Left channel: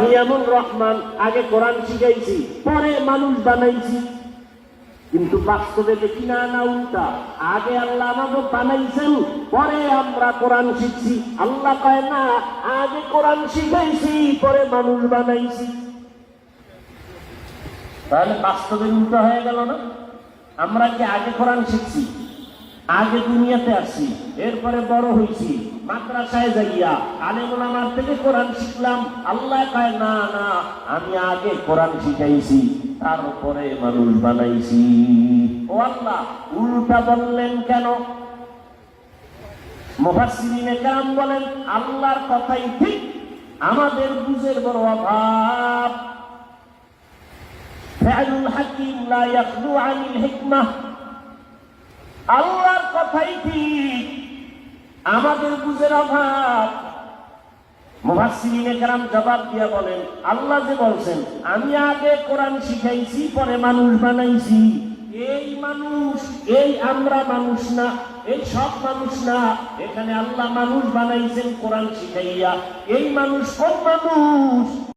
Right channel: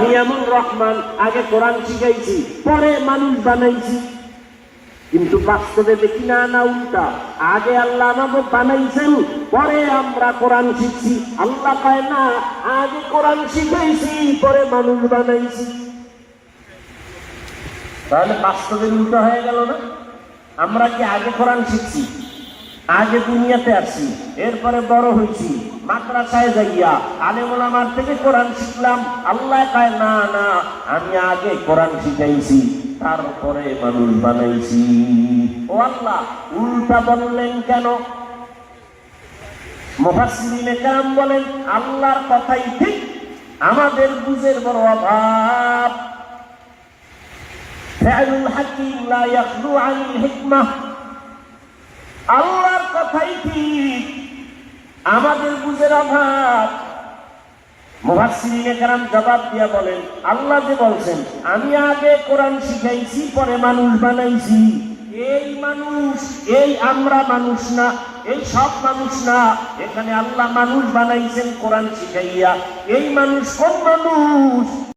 নিয়ামুর রহমান, আগে কোরআন শিখাইছি পরে মানুষ বানাইছি। কিন্তু বাস্তবে দেখি না, না উল্টা, আগে আল্লাহ আমাকে বানাইছেন পরে আমরা কোরআন শিখছি। আল্লাহ কয় না, আগে কোরআন শিখাইছি পরে মানুষ বানাইছি। তাহলে বাস্তবে উল্টা হয়ে গেল না? আমরা কি আগে কোরআন শিখছি, আগে দুনিয়াতে আসছি, এরপরে বড় হয়েছি, মাদ্রাসায় যাইয়া আলেম ওলামার থেকে কোরআন শিখলাম। আল্লাহ কয় না, না, আমি আগে কোরআন শিখাইছি তারপরে মানুষ বানাইছি। ও আল্লাহ, উল্টা বললেন কেন? মুফাসসিরিনে কেরাম বলেন, আল্লাহর কথাই ঠিক, আমাদের বুঝের বড় অভাব। ফা'লুল হাকিম লা ইয়াখলু আনিল হিকমাহ। আল্লাহর কথাই ঠিক, আমাদের বুঝের অভাব। মুফাসসিরিনে কেরাম জবাব দিয়া বলেন, আল্লাহ যে বলছেন আমি আগে কোরআন শিখাইছি পরে মানুষ বানাইছি, এই মানুষ, এই আমরা মানুষ না, এই সব মানুষ না। এখানে আল্লাহ মানুষ বানাইছেন কোরআন শিখাইয়া। এই মানুষ কোন মানুষ?